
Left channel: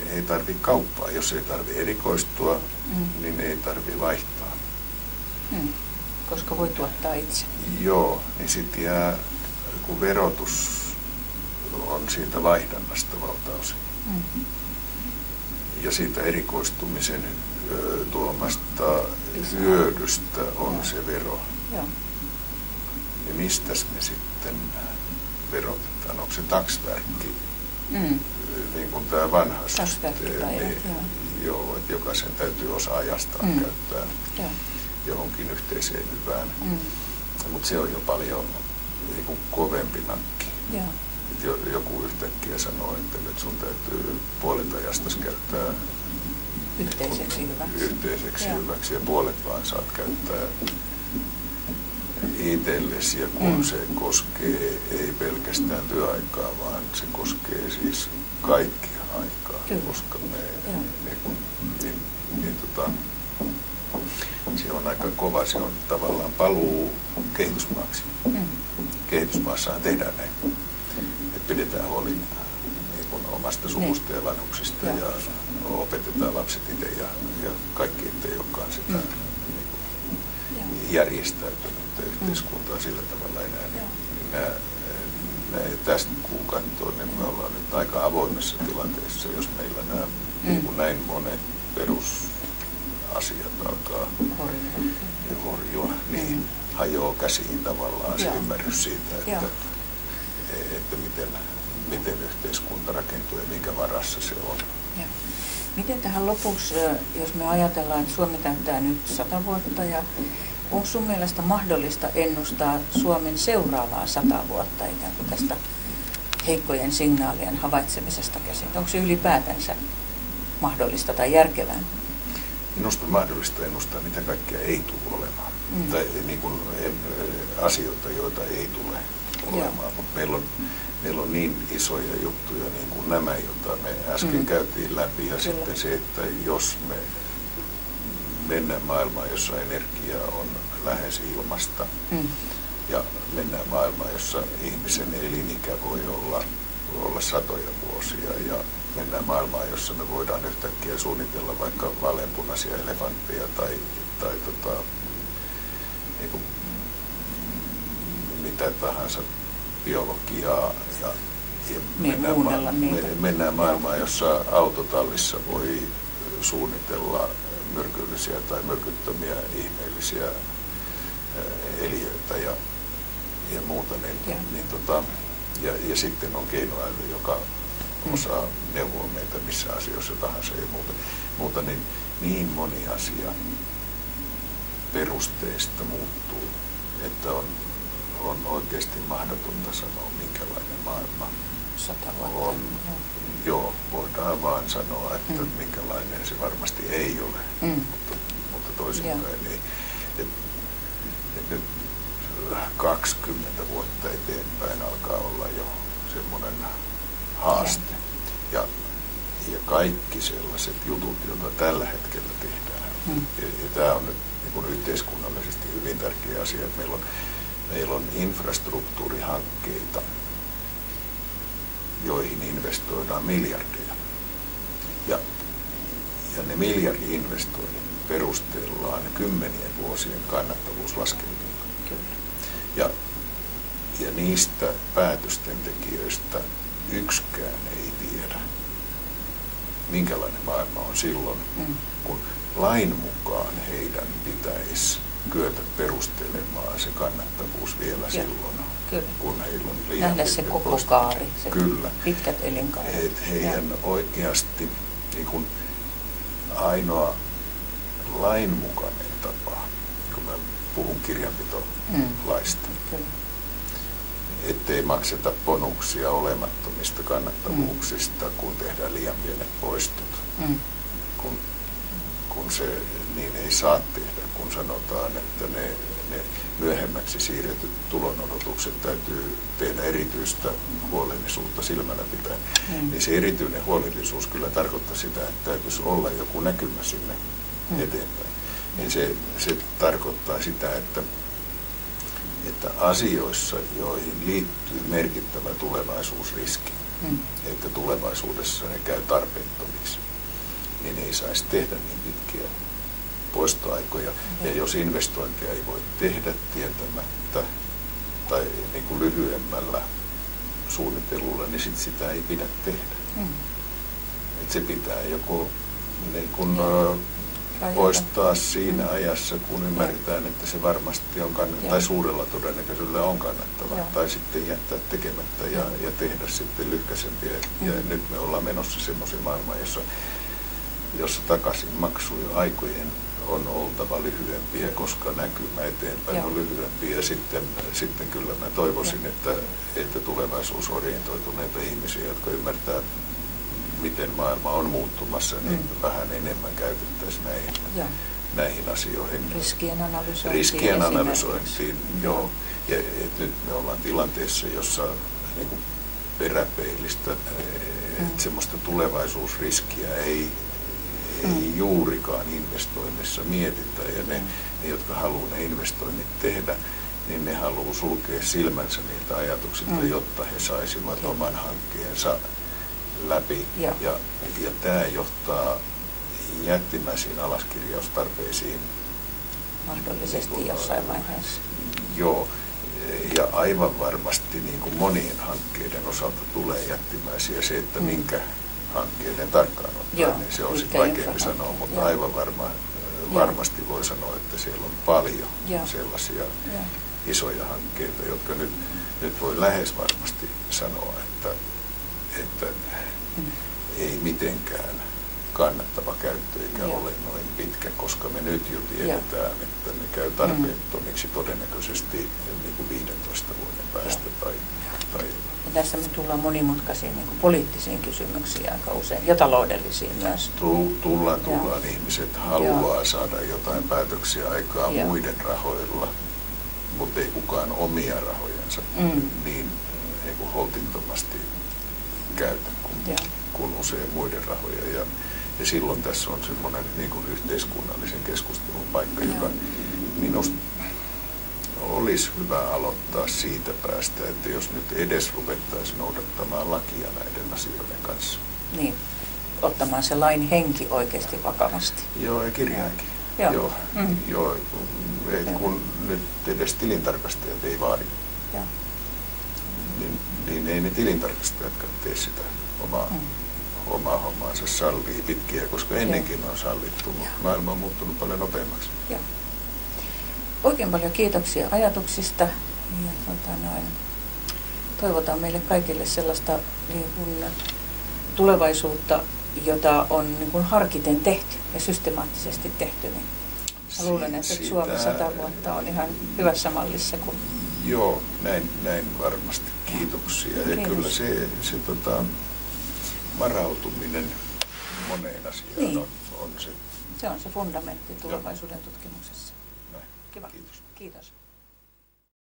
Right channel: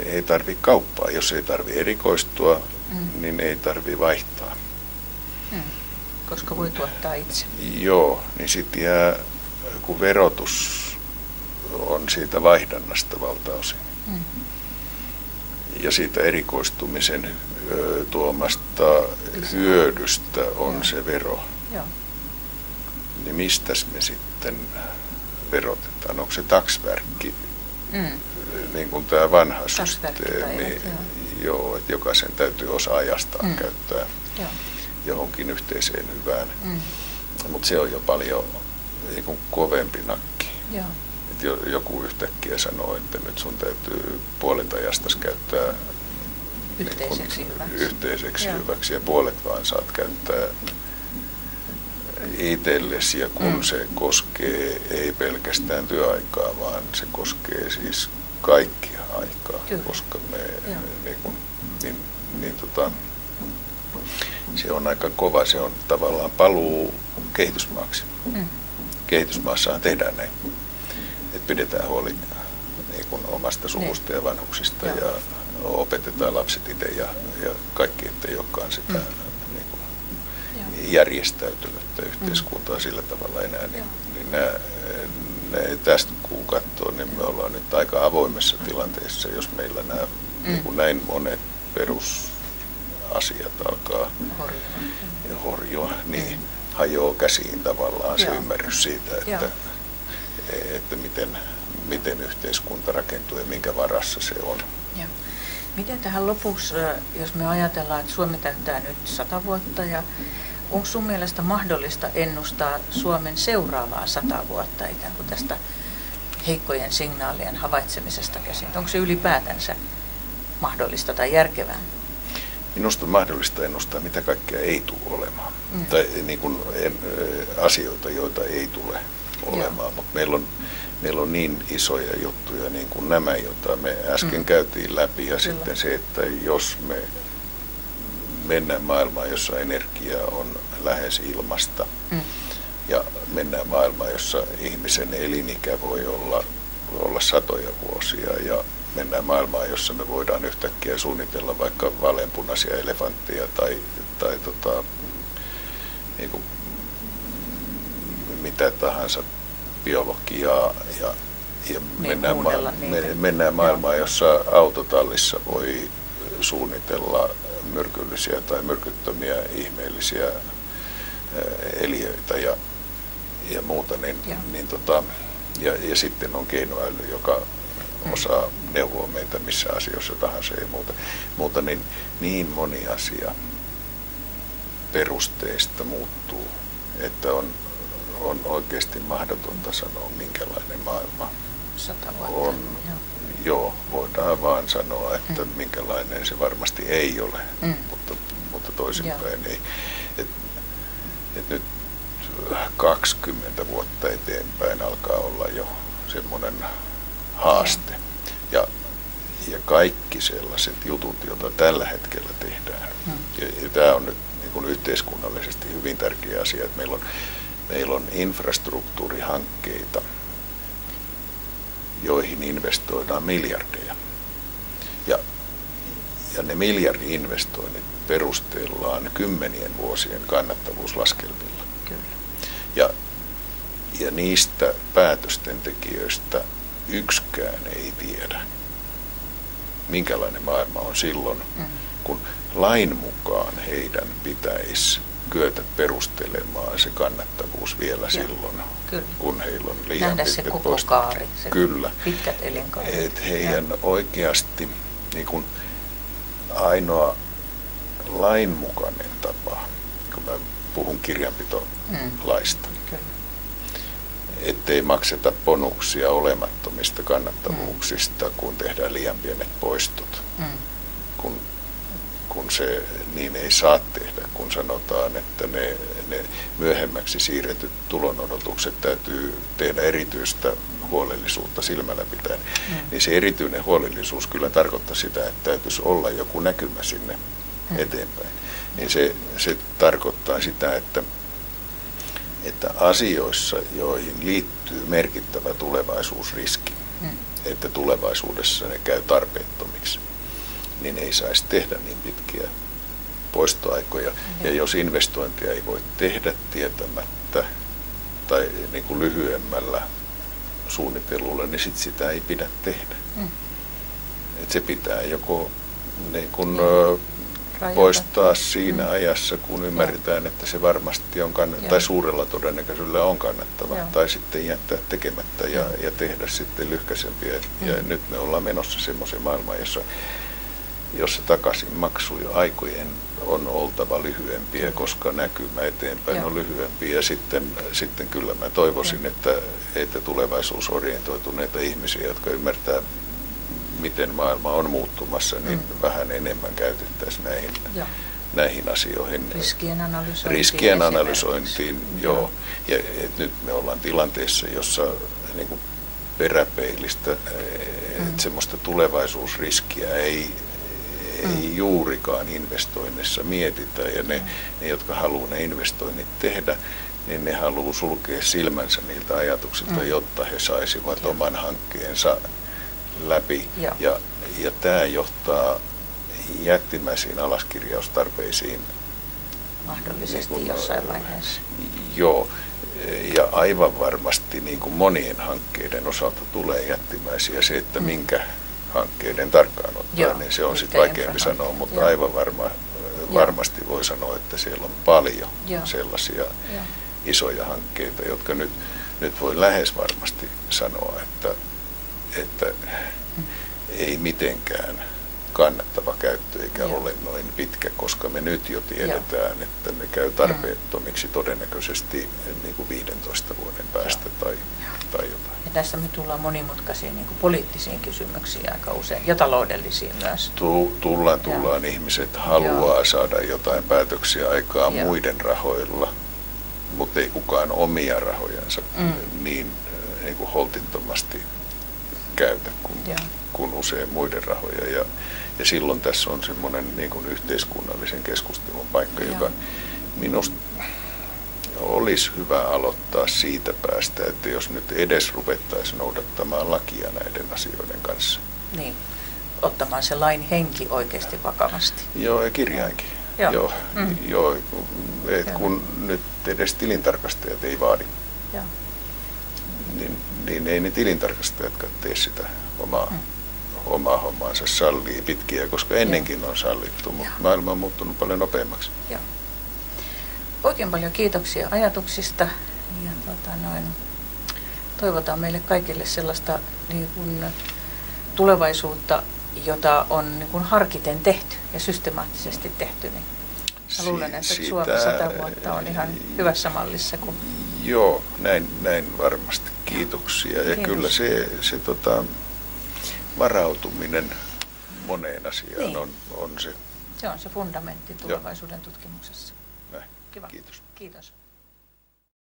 ei tarvitse kauppaa. Jos ei tarvitse erikoistua, niin ei tarvitse vaihtaa. Koska voi tuottaa itse. Joo, niin sitten jää, kun verotus on siitä vaihdannasta valtaosin. Ja siitä erikoistumisen tuomasta hyödystä on se vero. Niin mistäs me sitten verotetaan? Onko se taksverkki, niin kuin tämä vanha systeemi? Joo, että jokaisen täytyy osa ajastaan käyttää johonkin yhteiseen hyvään. Mutta se on jo paljon niin kuin kovempi nakki. Että joku yhtäkkiä sanoo, että nyt sun täytyy puolet ajastasi käyttää yhteiseksi hyväksi ja puolet vaan saat käyttää itsellesi. Ja kun se koskee ei pelkästään työaikaa, vaan se koskee siis kaikkia aikaa, koska se on aika kova, se on tavallaan paluu kehitysmaaksi. Kehitysmaassahan tehdään näin, että pidetään huoli niin kuin omasta suvusta ja vanhuksista ja opetetaan lapset itse ja kaikki, ettei olekaan sitä niin kuin järjestäytynyttä yhteiskuntaa sillä tavalla enää. Niin tästä kun katsoo, niin me ollaan nyt aika avoimessa tilanteessa, jos meillä nämä niin kuin näin monet perusasiat alkaa horjua, niin hajoaa käsiin tavallaan se ymmärrys siitä, että miten yhteiskunta rakentuu ja minkä varassa se on. Miten tähän lopuksi, jos me ajatellaan, että Suomi täyttää nyt 100 vuotta, ja onko sun mielestä mahdollista ennustaa Suomen seuraavaa 100 vuotta ikään kuin tästä heikkojen signaalien havaitsemisesta käsin? Onko se ylipäätänsä mahdollista tai järkevää? Minusta on mahdollista ennustaa, mitä kaikkea ei tule olemaan. Tai niin kuin, asioita, joita ei tule olemaan. Mutta meillä on niin isoja juttuja, niin kuin nämä, joita me äsken käytiin läpi. Ja sitten se, että jos me mennään maailmaan, jossa energia on lähes ilmasta, ja mennään maailmaan, jossa ihmisen elinikä voi olla satoja vuosia, ja mennään maailmaan, jossa me voidaan yhtäkkiä suunnitella vaikka vaaleanpunaisia elefantteja tai niin kuin mitä tahansa biologiaa ja mennään maailmaan, jossa autotallissa voi suunnitella myrkyllisiä tai myrkyttömiä ihmeellisiä eliöitä ja muuta, ja sitten on keinoäly, joka osaa neuvoa meitä missä asioissa tahansa ja muuta niin moni asia perusteista muuttuu, että on oikeasti mahdotonta sanoa, minkälainen maailma 100 vuotta on. Joo, voidaan vaan sanoa, että minkälainen se varmasti ei ole, mutta toisinpäin ei. Et nyt 20 vuotta eteenpäin alkaa olla jo semmoinen haaste. ja kaikki sellaiset jutut, joita tällä hetkellä tehdään. Ja tämä on nyt niin kuin yhteiskunnallisesti hyvin tärkeä asia, että meillä on infrastruktuurihankkeita, joihin investoidaan miljardeja. Ja ne miljardi-investoinnit perustellaan 10 vuosien kannattavuuslaskelmilla. Kyllä. Ja niistä päätösten tekijöistä yksikään ei tiedä, minkälainen maailma on silloin, kun lain mukaan heidän pitäisi kyetä perustelemaan se kannattavuus vielä silloin, kun heillä on liian nähdä se koko kaari, se pitkät elinkaaret. Et heidän oikeasti niin kun ainoa lainmukainen tapa, kun mä puhun kirjanpitolaista, ettei makseta bonuksia olemattomista kannattavuuksista, kun tehdään liian pienet poistot. Kun se niin ei saa tehdä, kun sanotaan, että ne myöhemmäksi siirretyt tulonodotukset täytyy tehdä erityistä huolellisuutta silmällä pitäen, niin se erityinen huolellisuus kyllä tarkoittaa sitä, että täytyisi olla joku näkymä sinne eteenpäin. Niin se tarkoittaa sitä, että asioissa, joihin liittyy merkittävä tulevaisuusriski, että tulevaisuudessa ne käy tarpeettomiksi, niin ei saisi tehdä niin pitkiä poistoaikoja. Ja jos investointia ei voi tehdä tietämättä tai niin kuin lyhyemmällä suunnittelulla, niin sit sitä ei pidä tehdä. Et se pitää joko niin kuin poistaa siinä ajassa, kun ymmärretään, että se varmasti on kannattava, tai suurella todennäköisyydellä on kannattava, tai sitten jättää tekemättä ja tehdä sitten lyhkäisempiä. Ja nyt me ollaan menossa semmoiseen maailmaan, jossa takaisinmaksuja aikojen on oltava lyhyempiä, koska näkymä eteenpäin on lyhyempi. Ja sitten kyllä mä toivoisin, että tulevaisuusorientoituneita ihmisiä, jotka ymmärtää, miten maailma on muuttumassa, niin vähän enemmän käytettäisiin näihin asioihin. Riskien analysointiin. Joo. Ja nyt me ollaan tilanteessa, jossa niin kuin peräpeilistä semmoista tulevaisuusriskiä ei juurikaan investoinnissa mietitä. Ja ne, jotka haluaa ne investoinnit tehdä, niin ne haluaa sulkea silmänsä niiltä ajatuksilta, jotta he saisivat oman hankkeensa läpi. Ja tämä johtaa jättimäisiin alaskirjaustarpeisiin. Mahdollisesti niin jossain vaiheessa. Joo. Ja aivan varmasti niin kuin monien hankkeiden osalta tulee jättimäisiä. Se, että minkä hankkeiden tarkkaan ottaa, niin se on sitten vaikeampi sanoa, mutta aivan varmasti voi sanoa, että siellä on paljon sellaisia isoja hankkeita, jotka nyt voi lähes varmasti sanoa, että ei mitenkään kannattava käyttö eikä ole noin pitkä, koska me nyt jo tiedetään, että ne käy tarpeettomiksi todennäköisesti niin kuin 15 vuoden päästä tai jotain. Ja tässä me tullaan monimutkaisiin niin kuin poliittisiin kysymyksiin aika usein ja taloudellisiin myös. Tullaan. Ihmiset haluaa saada jotain päätöksiä aikaa muiden rahoilla, mutta ei kukaan omia rahojansa niin kuin holtittomasti käytä kuin usein muiden rahoja. Ja silloin tässä on semmoinen niin kuin yhteiskunnallisen keskustelun paikka, joka minusta olisi hyvä aloittaa siitä päästä, että jos nyt edes ruvettaisiin noudattamaan lakia näiden asioiden kanssa. Niin, ottamaan se lain henki oikeasti vakavasti. Joo, ja kirjainkin. Joo. Kun nyt edes tilintarkastajat ei vaadi, niin ei ne tilintarkastajatkaan tee sitä omaa hommaansa sallii pitkiä, koska ennenkin on sallittu, mutta maailma on muuttunut paljon nopeammaksi. Joo. Oikein paljon kiitoksia ajatuksista ja toivotaan meille kaikille sellaista niin kuin tulevaisuutta, jota on niin kuin harkiten tehty ja systemaattisesti tehty. Niin mä luulen, että Suomi 100 vuotta on ihan hyvässä mallissa. Joo, näin varmasti. Kiitoksia. Ja kyllä se varautuminen moneen asiaan on se. Se on se fundamentti tulevaisuuden tutkimuksessa. Näin. Kiva. Kiitos. Kiitos.